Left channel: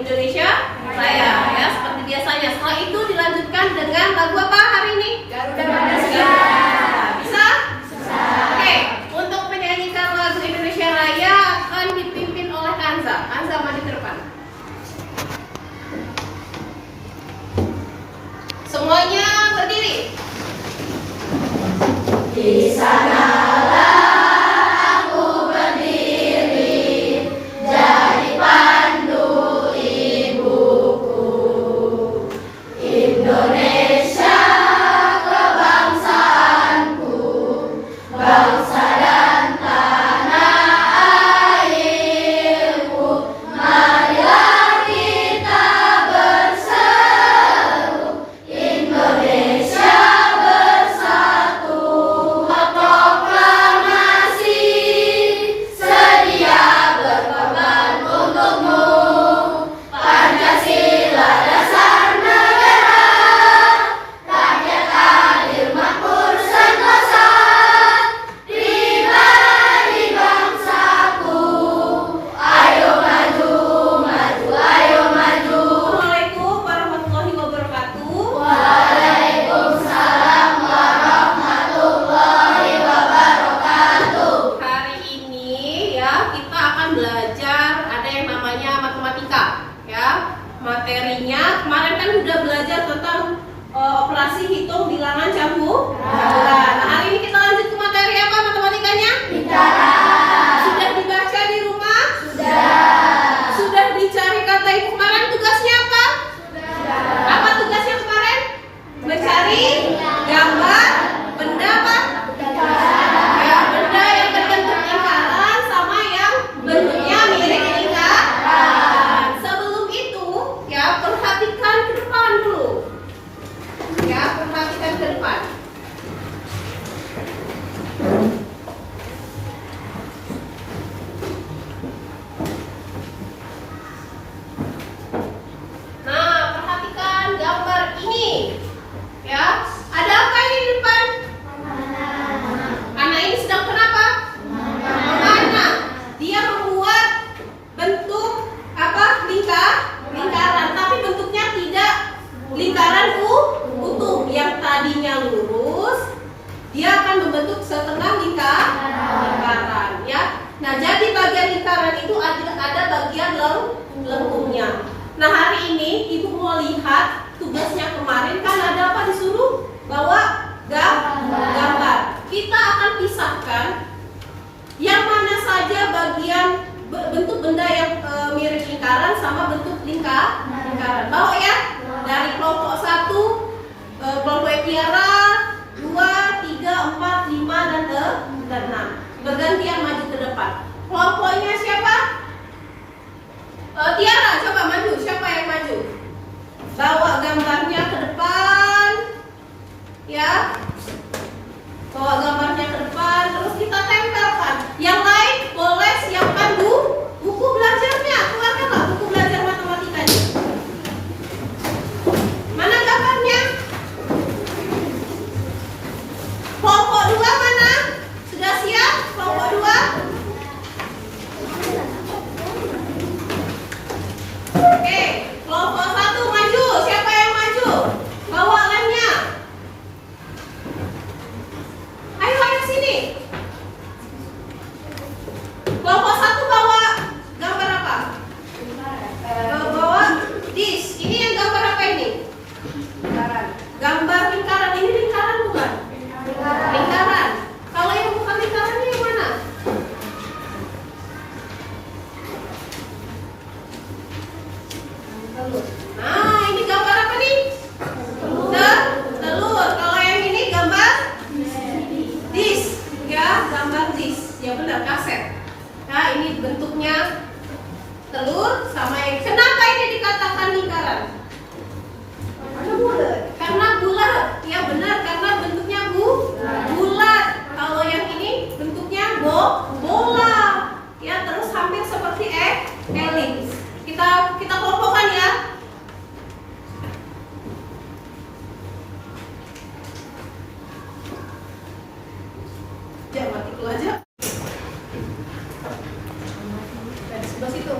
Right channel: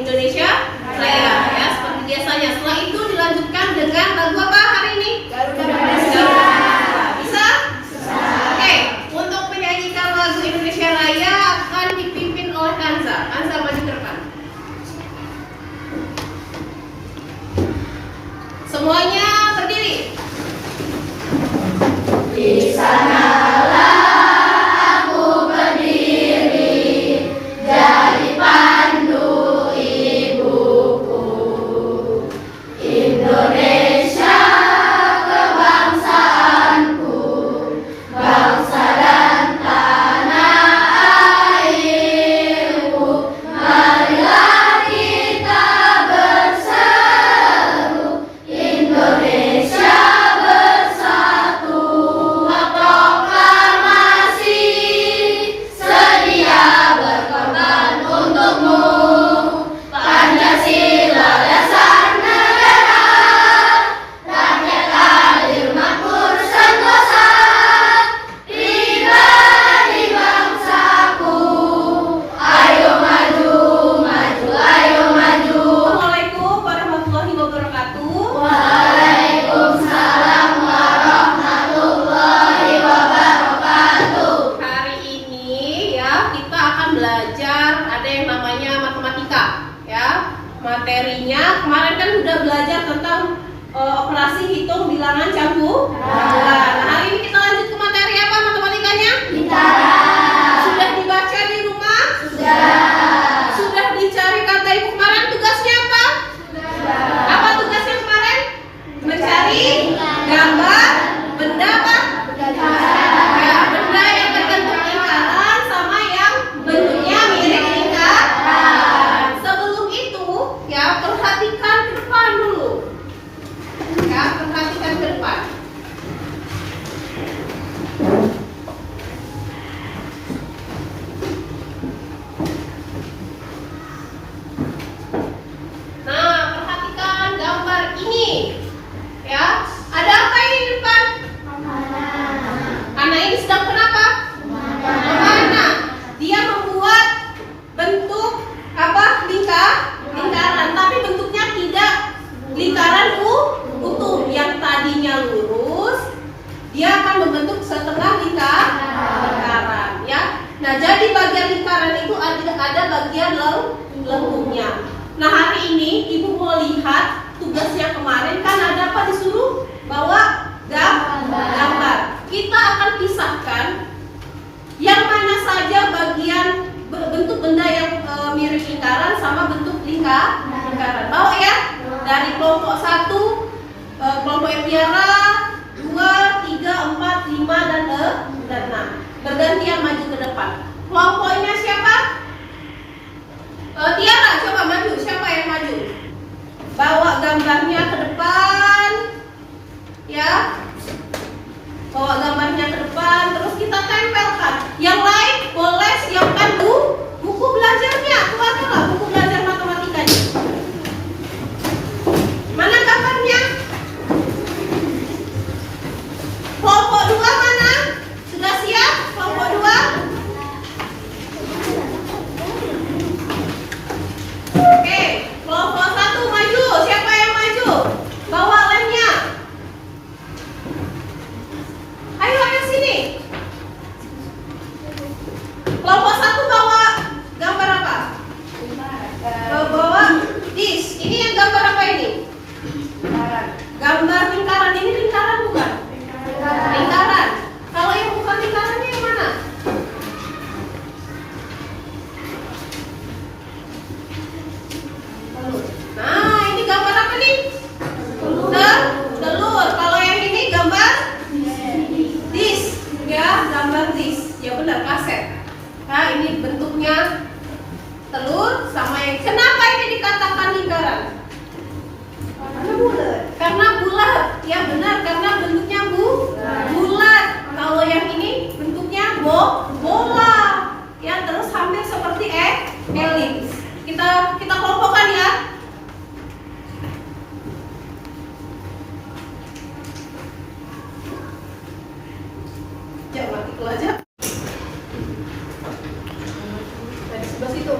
Indonesia Raya ya, seperti biasanya. Setelah itu dilanjutkan dengan lagu apa hari ini? Garuda Bisa? Oke, untuk menyanyikan lagu Indonesia Raya akan dipimpin oleh Anza. Anza maju ke depan. Semuanya berdiri. Di sanalah aku berdiri, jadi pandu ibuku. Indonesia kebangsaanku, bangsa dan tanah airku. Marilah kita berseru, Indonesia bersatu. Proklamasi sedia berkorban untukmu. Pancasila dasar negara, rakyat adil makmur sentosa, pribadi bangsaku. Ayo maju, maju, ayo maju. Assalamualaikum warahmatullahi wabarakatuh. Waalaikumsalam warahmatullahi wabarakatuh. Hari ini ya kita akan belajar ada yang namanya matematika ya. Materinya kemarin kan sudah belajar tentang operasi hitung bilangan campuran. Nah, hari ini kita lanjut ke materi apa matematikanya? Lingkaran. Sudah dibaca di rumah? Sudah. Sudah dicari kata ibu kemarin tugasnya apa? Apa tugasnya kemarin? Mencari gambar benda apa? Ya, benda yang berbentuk lingkaran sama yang bentuknya mirip lingkaran. Sebelum itu, ya perhatikan ke depan dulu. Ya, perhatikan ke depan. Nah, perhatikan gambar ini. Ya, ada apa ini di depan? Anak ini sedang kenapa? Mana? Dia membuat bentuk apa? Lingkaran, tapi bentuknya tidak lingkaran utuh. Yang tadinya lurus, dia akan membentuk setengah lingkaran, ya. Nah, jadi bagian lingkaran itu ada bagian lengkungnya. Nah, hari ini ibu mau lihat tugasnya kemarin kan ada apa disuruh bawa gambar. Kita akan pisahkan yang mana saja bagian bentuk benda yang mirip lingkaran sama bentuk lingkaran. Bawa ya dari kelompok 1, kelompok Tiara 2, 3, 4, 5 dan 6. Bergantian maju ke depan. Kelompoknya siapa? Tiara, coba maju. Siapa yang maju? Bawa gambarnya ke depan. Ya. Bawa gambarnya ke depan, terus kita tempelkan. Yang lain boleh siapkan buku belajarnya. Keluarkanlah buku belajar matematikanya. Mana gambarnya? Kelompok 2 mana? Sudah siap? Kelompok 2? Oke, kelompok 1 maju. Siapa yang maju? Bawa lemnya. Ayo sini. Kelompok 1 bawa gambar apa? Bawa dis. Ini yang gambar apa ini? Gambar lingkaran. Ini lingkaran bukan? Lingkaran. Kalau yang bukan lingkarannya yang mana? Nah, ini gambar apa nih? Telur. Kalau yang ini gambar disk, ya, gambar disk. Ya benar, kaset. Nah, ini bentuknya telur sama yang. Kenapa ini dikatakan lingkaran? Karena bulat. Ya benar, karena bentuknya bulat. Kalau yang ini bentuknya bola. Ya, terus hampir seperti elips. Kita kelompokkan ya. Jangan mati aja. Nah, di sebelah situ.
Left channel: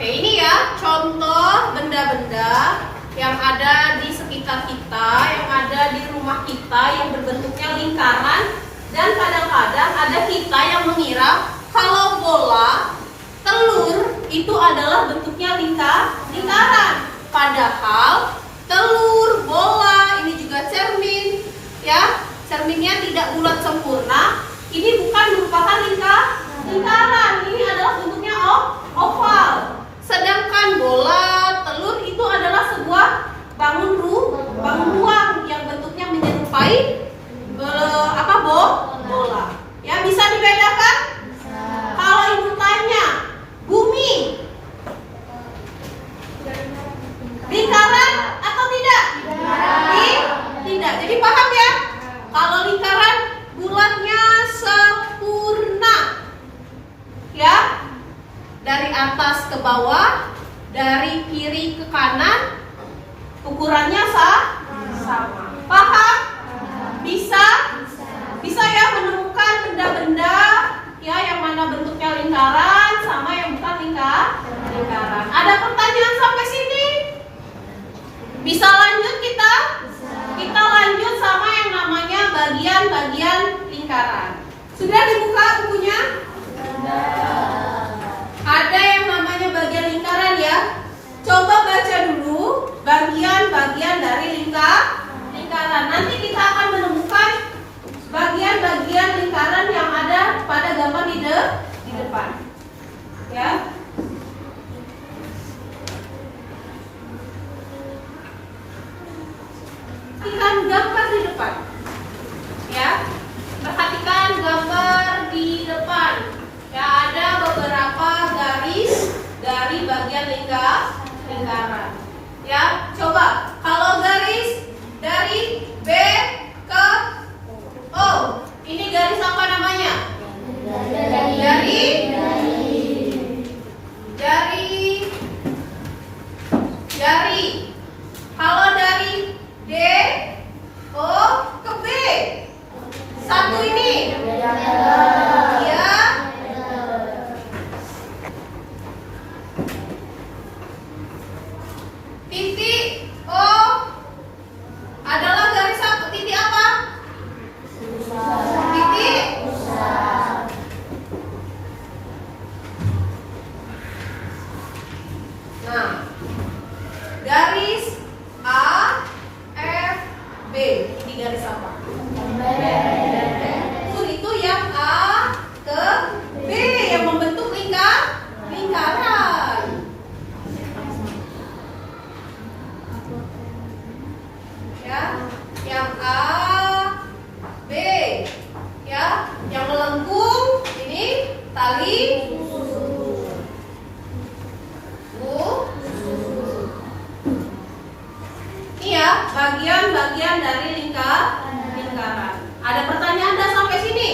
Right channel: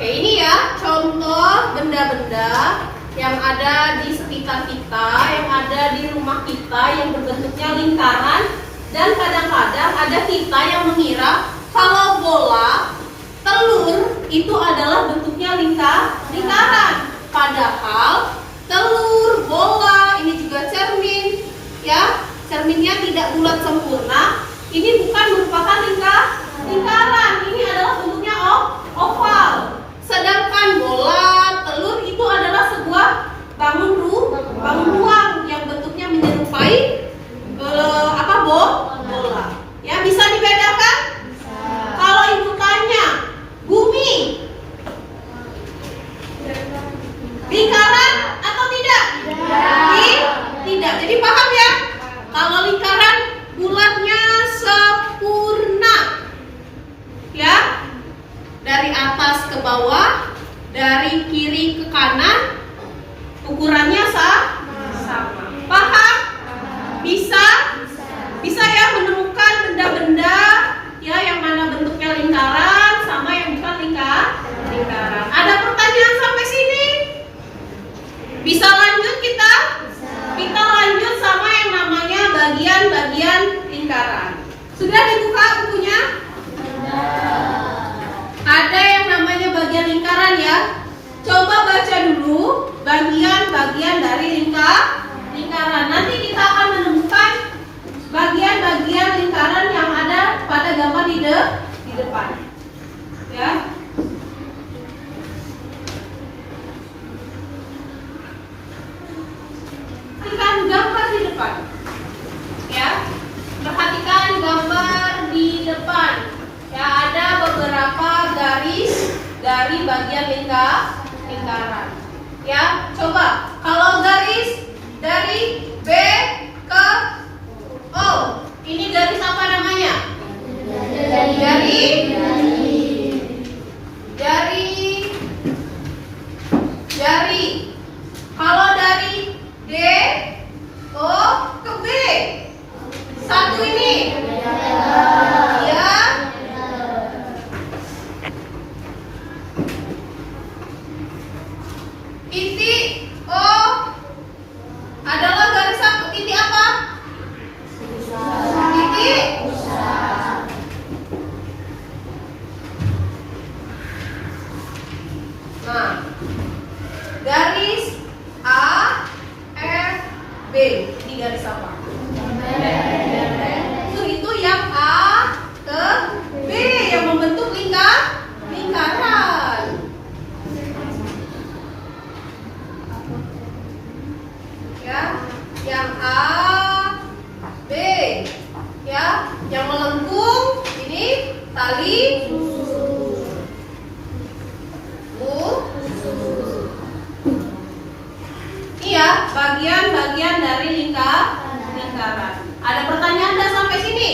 Oke, ini ya contoh benda-benda yang ada di sekitar kita, yang ada di rumah kita, yang berbentuknya lingkaran. Dan kadang-kadang ada kita yang mengira kalau bola, telur itu adalah bentuknya lingkaran. Padahal telur, bola, ini juga cermin, ya, cerminnya tidak bulat sempurna. Ini bukan merupakan lingkaran. Ini adalah bentuknya oval. Sedangkan bola, telur itu adalah sebuah bangun ruang yang bentuknya menyerupai bola. Ya, bisa dibedakan? Kalau ibu tanya, bumi lingkaran atau tidak? Tidak. Jadi paham ya? Kalau lingkaran bulatnya sempurna. Ya. Dari atas ke bawah, dari kiri ke kanan, ukurannya sama. Paham? Bisa ya menemukan benda-benda ya yang mana bentuknya lingkaran sama yang bukan lingkaran. Ada pertanyaan sampai sini? Bisa lanjut kita? Kita lanjut sama yang namanya bagian-bagian lingkaran. Sudah dibuka bukunya? Ada yang namanya bagian lingkaran ya. Coba baca dulu bagian-bagian dari lingkaran. Nanti kita akan menemukan bagian-bagian lingkaran yang ada pada gambar di depan. Ya. Perhatikan gambar di depan. Ya. Perhatikan gambar di depan. Ya, ada beberapa garis dari bagian lingkaran. Ya, coba kalau garis dari B ke O, ini garis apa namanya? Jari. Kalau dari D O ke B, satu ini. Ya. Titik O adalah garis apa? Titik apa? Titik. Nah, garis A, F, B. Ini garis apa? Itu yang A ke B yang membentuk lingkaran. Ya, yang A, B, ya, yang melengkung ini tali iya, bagian-bagian dari lingkaran. Ada pertanyaan dah sampai sini?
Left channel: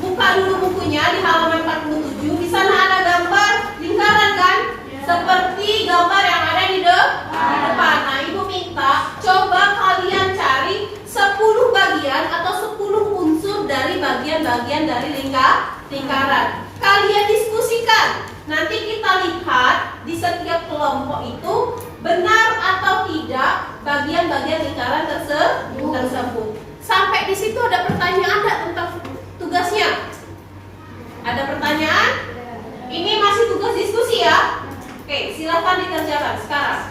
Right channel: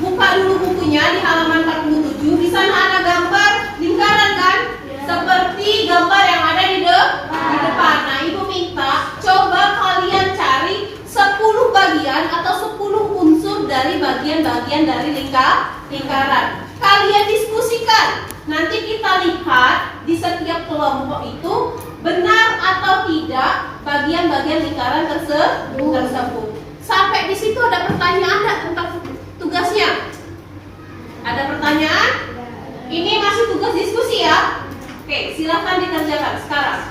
Buka dulu bukunya di halaman 47. Di sana ada gambar lingkaran kan? Seperti gambar yang ada di depan. Nah, ibu minta coba kalian cari 10 bagian atau 10 unsur dari bagian-bagian dari lingkaran. Kalian diskusikan. Nanti kita lihat di setiap kelompok itu benar atau tidak bagian-bagian lingkaran tersebut. Sampai di situ ada pertanyaan enggak tentang tugasnya? Ada pertanyaan? Ini masih tugas diskusi ya? Oke, silakan dikerjakan sekarang.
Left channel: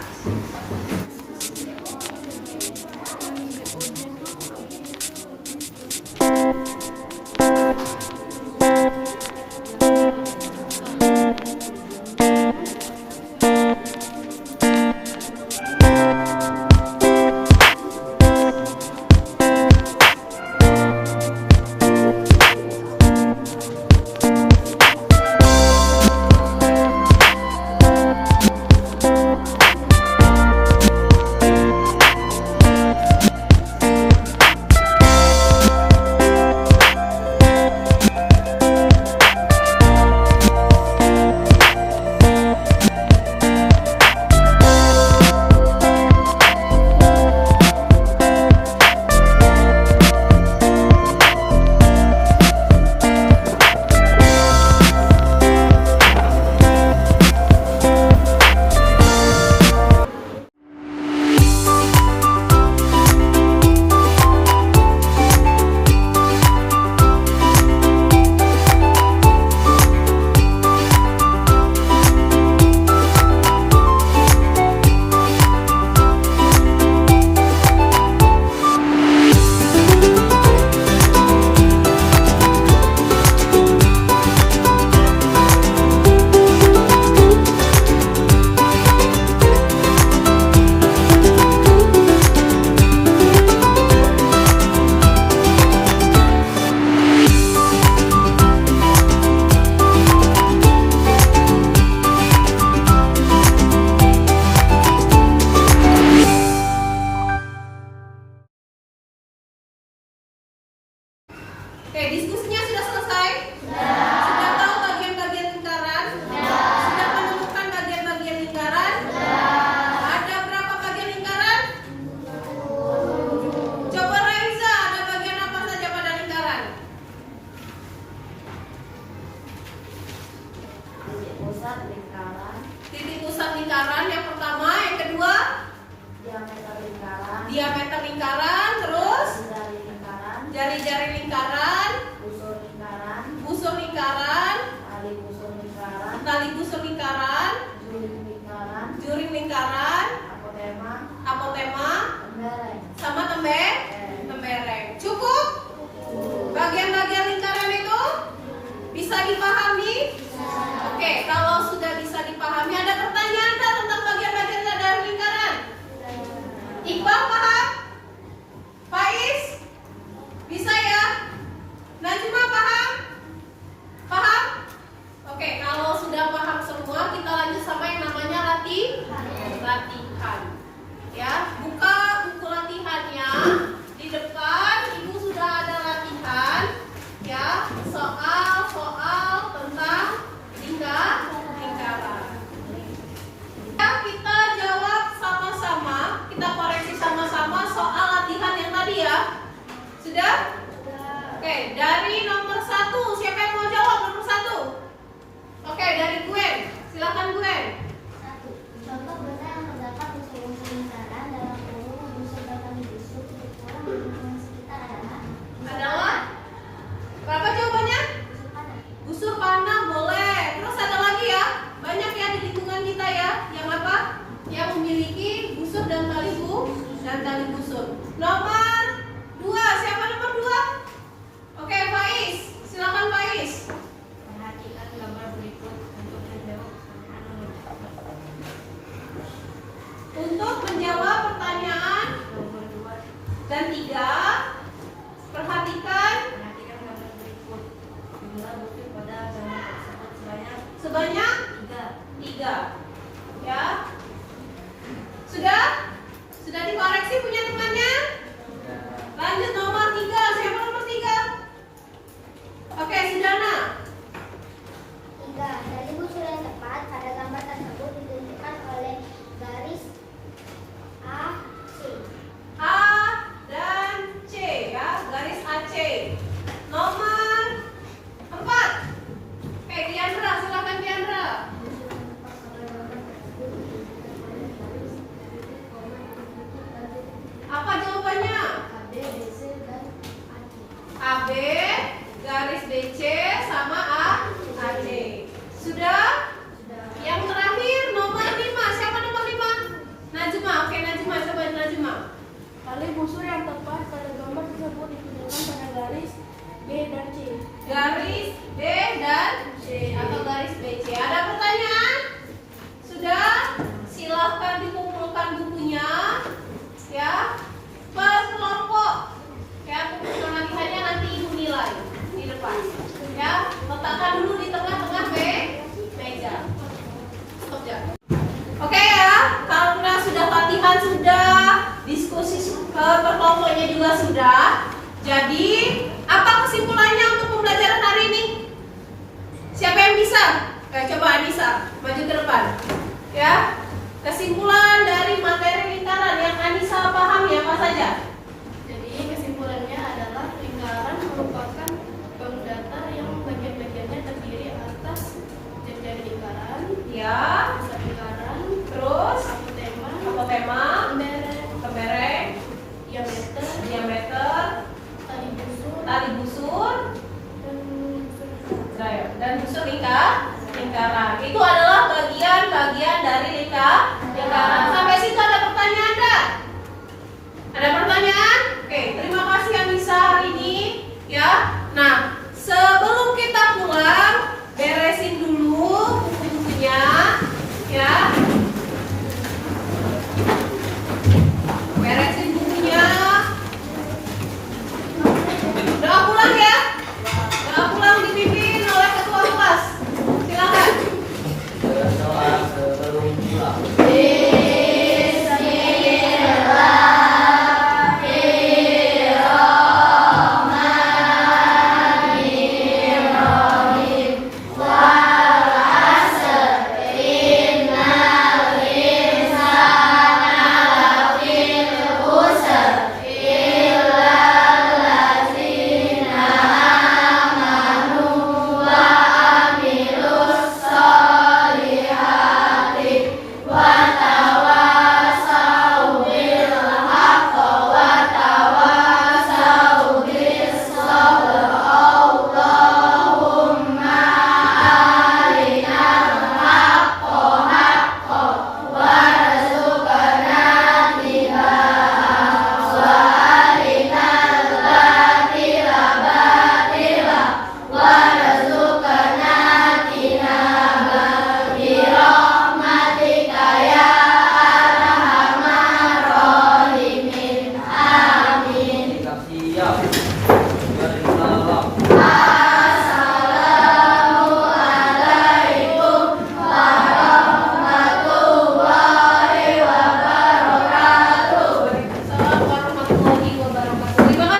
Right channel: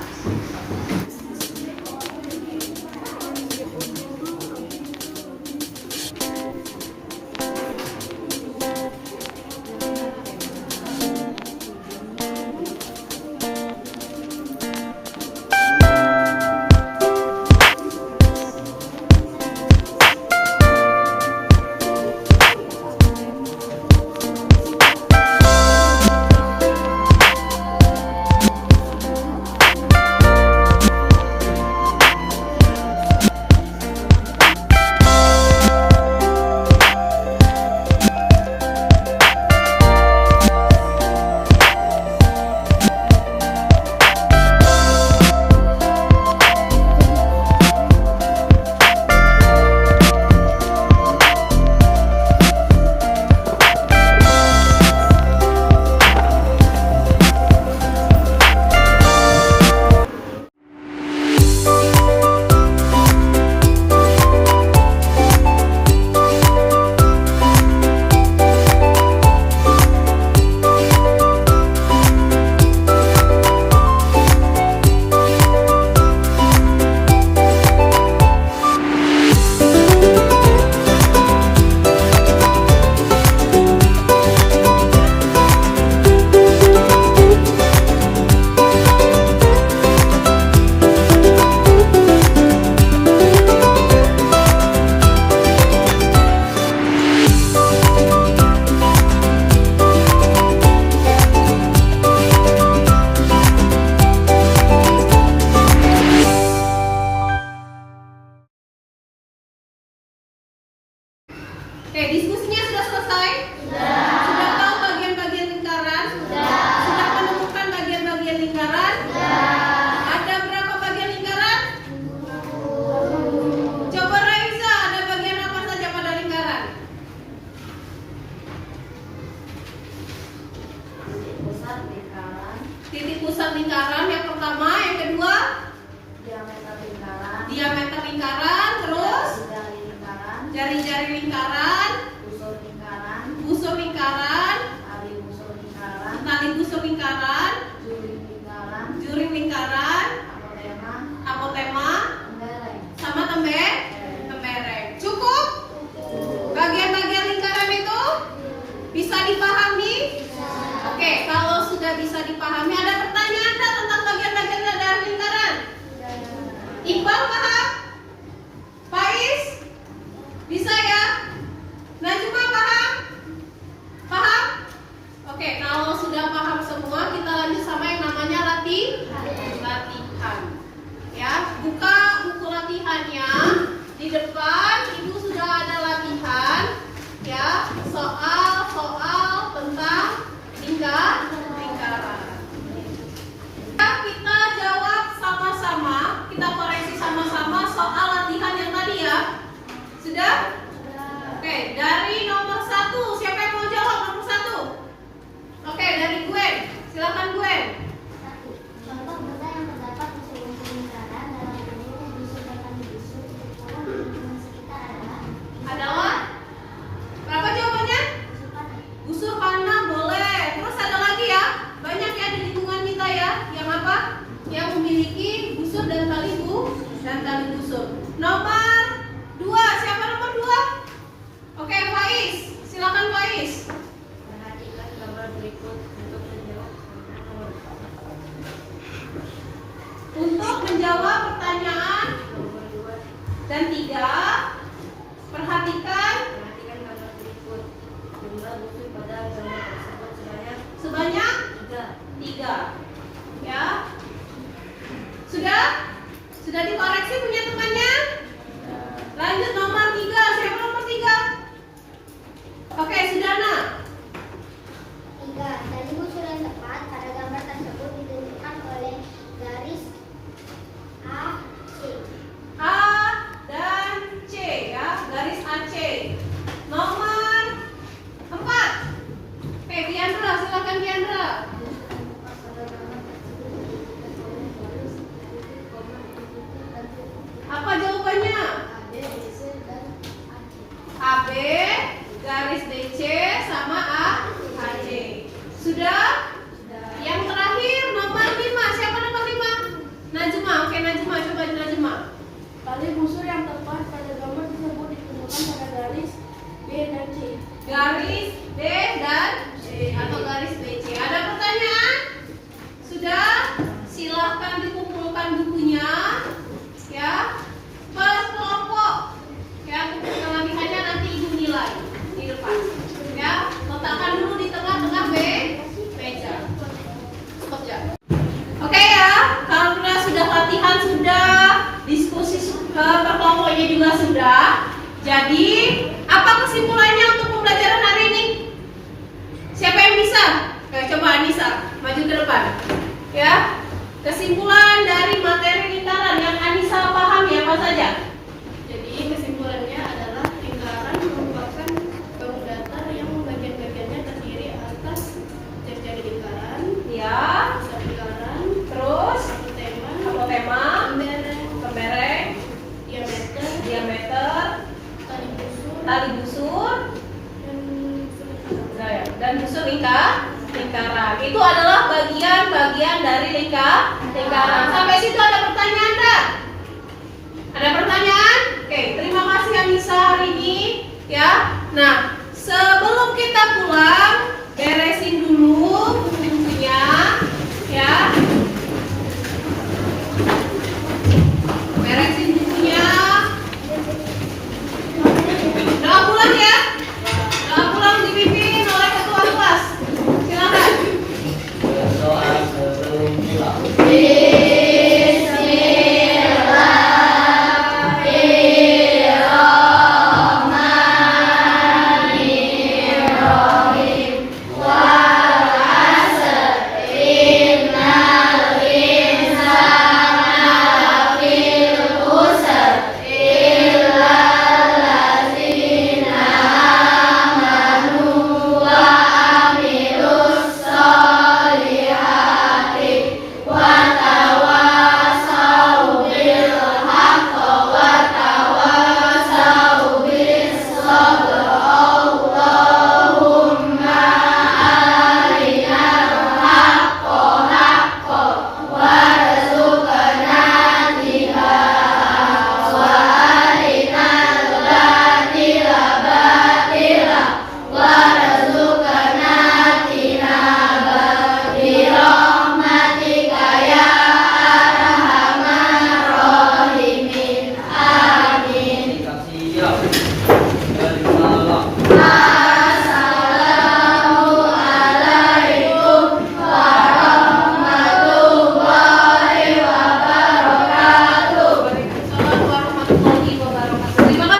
lingkaran. Titik pusat lingkaran yang pertama, yang kedua Diameter lingkaran. diameter lingkaran, terus Jari lingkaran. jari-jari lingkaran, Busur lingkaran. busur lingkaran, Tali busur lingkaran. tali busur lingkaran, Juring lingkaran. juring lingkaran, Apotema. apotema, Tembereng. sama tembereng. Cukup? Bagian-bagian lingkaran itu bisa dipahami? Oke, kalau sudah bisa dipahami, ada pertanyaan nggak tentang bagian-bagian dari lingkaran? Iqbal paham? Faiz? Bisa ya? Najma paham? Paham? Oke, kalau sudah paham semua, kita lanjut sama yang namanya latihan. Ya, buka buku latihannya. Di depan Ibu sudah ada latihan. Ya, soal-soal tentang lingkaran. Ya, kita jawab sama-sama, kita koreksi sama-sama soal latihan yang tadi ya. Sudah? Oke, dari nomor 1, siapa yang mau jawab nomor 1? Oke, dari Gwen, silakan Gwen. 1. Contoh benda yang terdapat unsur-unsur lingkaran dalam seluruh busur dan tali busur titik pulang di lingkungan sekitar adalah Berapa jawabannya? busur panah. Busur panah boleh. Terus ada lagi ya, banyak ya di lingkungan kita ya, yang apa? Yang memiliki busur dan tali busur. Nomor 2, siapa nomor 2? Oke, Faiz, silakan Faiz. Perhatikan gambar berikut untuk menjawab Untuk menjawab pertanyaan nomor 2. dan 3, perhatikan Perhatikan gambar berikut. Jumlah busur pada gambar tersebut sebanyak 3. Ya. Sudah dikoreksi punya temannya? Lanjut nomor 3. Siapa nomor 3? Oke, Sudana. 3. Dari busur yang tepat pada gambar tersebut ditunjukkan oleh garis A, C. A dan C ya, garis AC. Nomor 4. Oke, Diandra, silakan Diandra. Apa jawabannya? AB, garis DC sama AC. Sudah? Yang terakhir nomor 5. Siapa nomor 5? Najma. Oke, Najma, coba Najma. Tali busur yang tepat pada gambar tersebut ditunjukkan pada garis B dan C. Garis B dan C atau garis BC. Ada pertanyaan? Sudah? Silahkan dikumpulkan bukunya. Ya. Per kelompok. Ya, untuk latihannya nanti Ibu nilai di depan. Ya, letakkan dulu di tengah-tengah meja. Stop jam. Oke ya, karena sudah latihan, sudah diskusi per kelompoknya juga sudah. Jadi, apa kesimpulannya untuk pembelajaran hari ini? Siapa yang bisa? Oke, coba Anissa, maju ke depan. Ya, kesimpulan dari materi lingkaran yang Anissa pahami apa saja? Jadi kesimpulannya adalah lingkaran merupakan bangun datar yang bagian-bagiannya terdiri atas jari-jari lingkaran, Ya, pusat lingkaran, terus apotema, tembereng, diameter, tali busur, tali busur, dan busur lingkaran. Itu adalah bagian-bagian dari lingkaran. Sampai situ ada pertanyaan enggak? Ada pertanyaan? Oke, terima kasih yang bisa hari ini ya. Nah, sebelum kita pulang,